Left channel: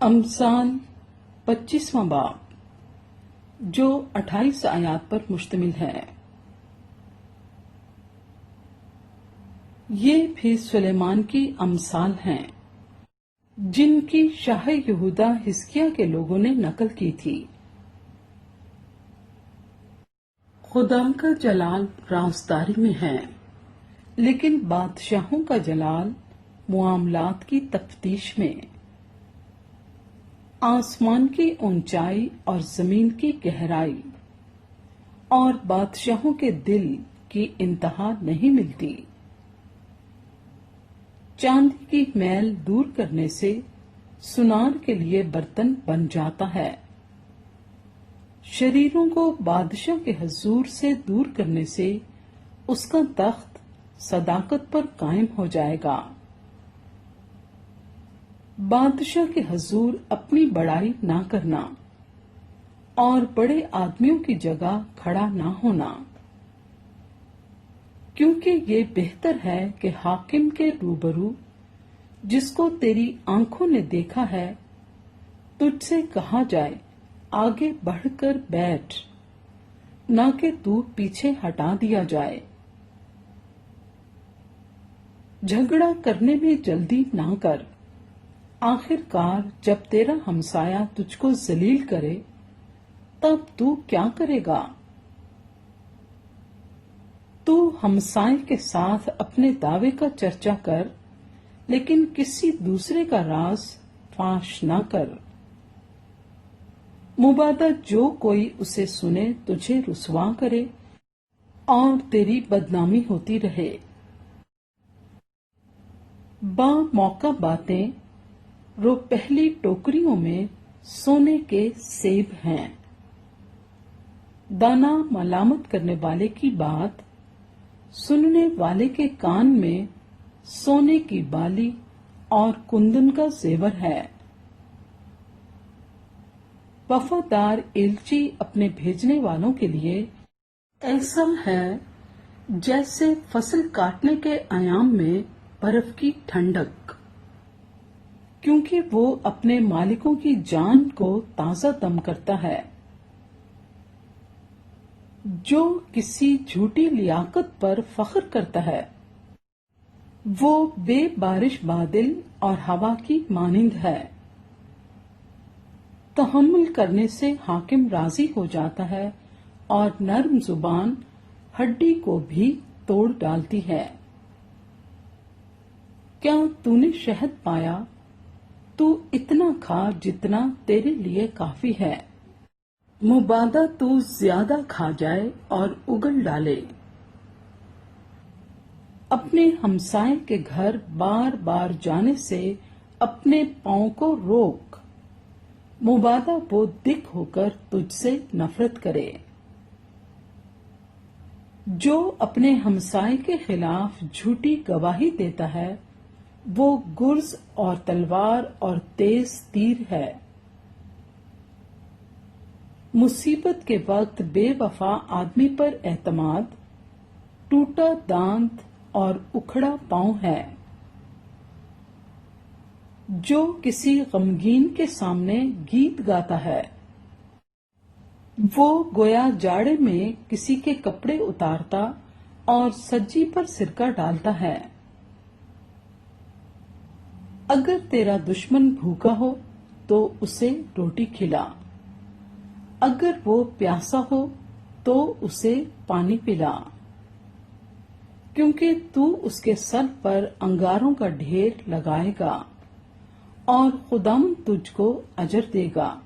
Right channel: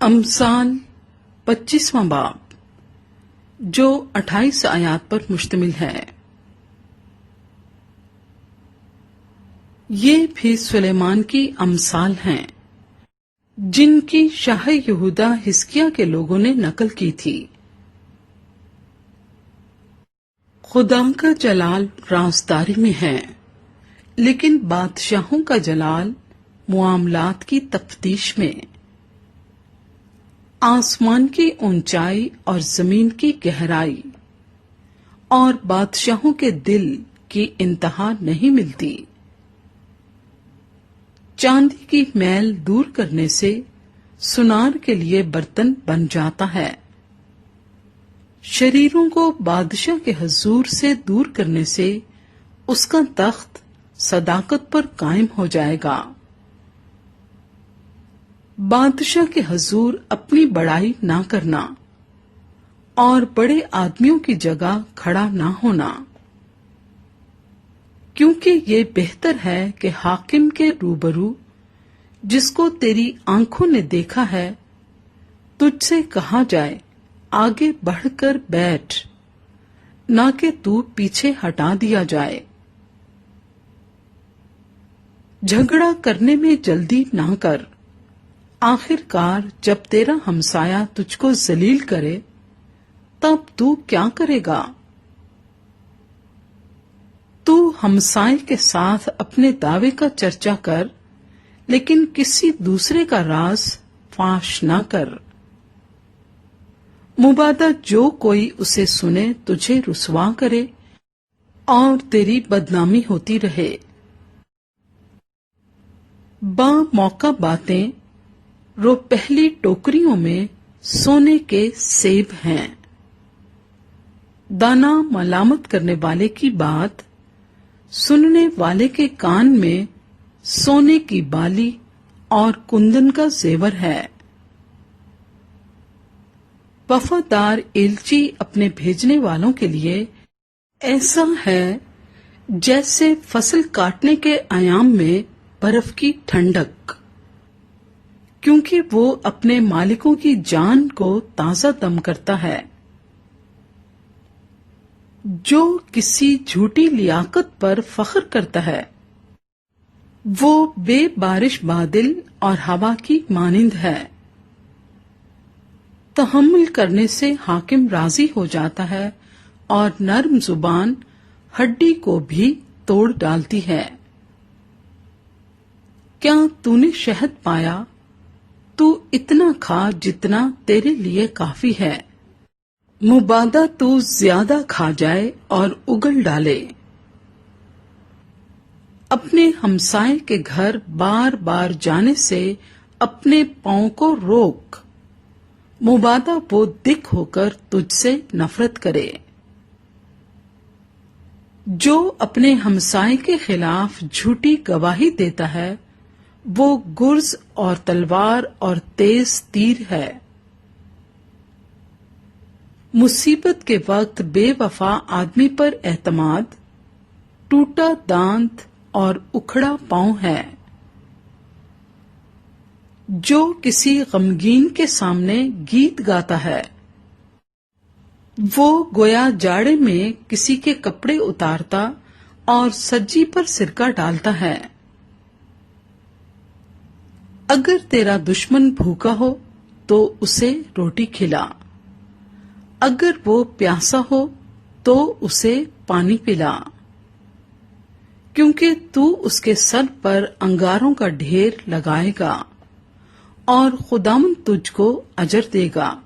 امثال 25واں باب جو 28 آیات پر مشتمل ہے۔ یہ بھی سلیمان کی امثال ہیں جن کی شاہ یہودا حزقیہ کے لوگوں نے نقل کی تھی۔ خدا کا جلال رازداری میں ہے، لیکن بادشاہوں کا جلال معاملات کی تفتیش میں۔ آسمان کی اونچائی اور زمین کی گہرائی اور بادشاہوں کے دل کی انتہا نہیں ملتی۔ چاندی کی میل دور کرنے سے سونار کے لیے برتن بن جاتا ہے۔ شریروں کو بادشاہ کے حضور سے دور کرنے سے اس کا تخت صداقت پر قائم ہو جائے گا۔ بادشاہ کے حضور اپنی بڑائی نہ کرنا اور بڑے آدمیوں کی جگہ کھڑا نہ ہونا، کیونکہ یہ بہتر ہے کہ حاکم کے روبرو جس کو تیری آنکھوں نے دیکھا ہے تجھ سے کہا جائے آگے بڑھ کر بیٹھ، نہ کہ تو پیچھے ہٹا دیا جائے۔ جھگڑا کرنے میں جلدی نہ کر، آخر کار جب تیرا ہمسایہ تجھ کو ذلیل کرے تب تو کیا کرے گا؟ تو ہمسائے کے ساتھ اپنے دعوے کا چرچا کر، لیکن کسی دوسرے کا راز فاش نہ کر۔ مبادا جو کوئی اسے سنے تجھے رسوا کرے اور تیری بدنامی ہوتی رہے۔ با موقع باتیں رو پہلی ٹوکریوں میں سونے کے سیب ہیں۔ دانا ملامت کرنے والے کی بات سننے والے کے کان میں سونے کی بالی اور کندن کا زیور ہے۔ وفادار ایلچی اپنے بھیجنے والوں کے لیے ایسا ہے جیسے فصل کاٹنے کے ایام میں برف کی ٹھنڈک، کیونکہ وہ اپنے مالکوں کی جان کو تازہ دم کرتا ہے۔ جو کسی جھوٹی لیاقت پر فخر کرتا ہے وہ بے بارش بادل اور ہوا کی مانند ہے۔ تحمل کرنے سے حاکم راضی ہو جاتا ہے اور نرم زبان ہڈی کو بھی توڑ ڈالتی ہے۔ کیا تو نے شہد پایا؟ تو اتنا کھا جتنا تیرے لیے کافی ہے، مبادا تو زیادہ کھا جائے اور اگل ڈالے۔ اپنے ہمسائے کے گھر بار بار جانے سے اپنے پاؤں کو روک، مبادا وہ دکھ ہو کر تجھ سے نفرت کرے۔ جو اپنے ہمسائے کے خلاف جھوٹی گواہی دیتا ہے وہ گرز اور تلوار اور تیز تیر ہے۔ مصیبت کے وقت بے وفا آدمی پر اعتماد ٹوٹا دانت اور اکھڑا پاؤں ہے۔ جو کسی غمگین کے سامنے گیت گاتا ہے وہ گویا جاڑے میں کسی کے کپڑے اتارتا اور سجی پر سرکہ ڈالتا ہے۔ اگر تیرا دشمن بھوکا ہو تو اسے روٹی کھلا، اگر وہ پیاسا ہو تو اسے پانی پلا، کیونکہ تو اس کے سر پر انگاروں کا ڈھیر لگائے گا اور خداوند تجھ کو اجر دے گا۔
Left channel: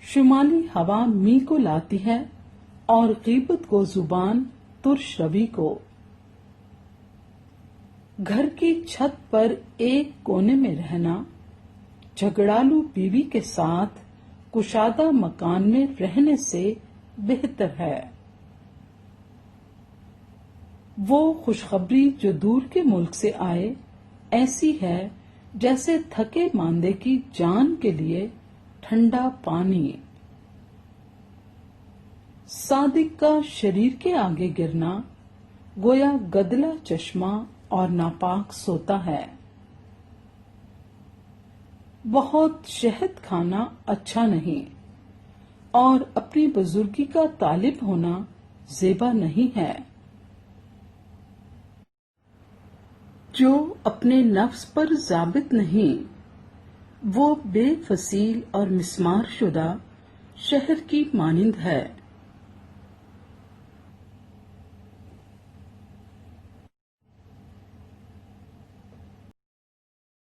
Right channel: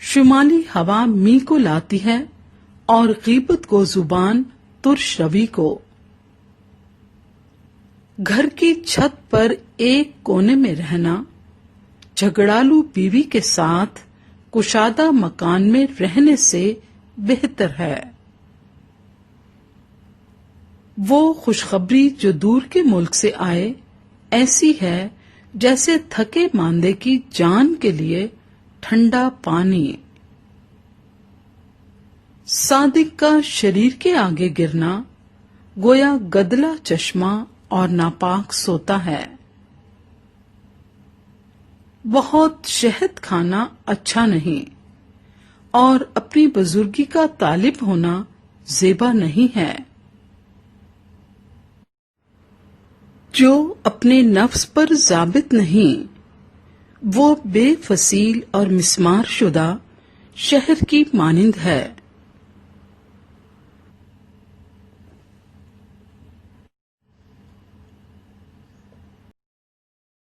شمالی ہوا می کو لاتی ہے اور غیبت کو زبان ترش روی کو۔ گھر کی چھت پر ایک کونے میں رہنا جھگڑالو بیوی کے ساتھ کشادہ مکان میں رہنے سے بہتر ہے۔ وہ خوشخبری جو دور کے ملک سے آئے ایسی ہے جیسے تھکے ماندے کی جان کے لیے ٹھنڈا پانی۔ صادق کا شریر کے آگے گرنا گویا گدلا چشمہ اور ناپاک سوتا ہے۔ بہت شہد کھانا اچھا نہیں اور اپنی بزرگی کا طالب ہونا زیبا نہیں ہے۔ جو اپنے نفس پر ضابط نہیں وہ بے فصیل اور مسمار شدہ شہر کی مانند ہے۔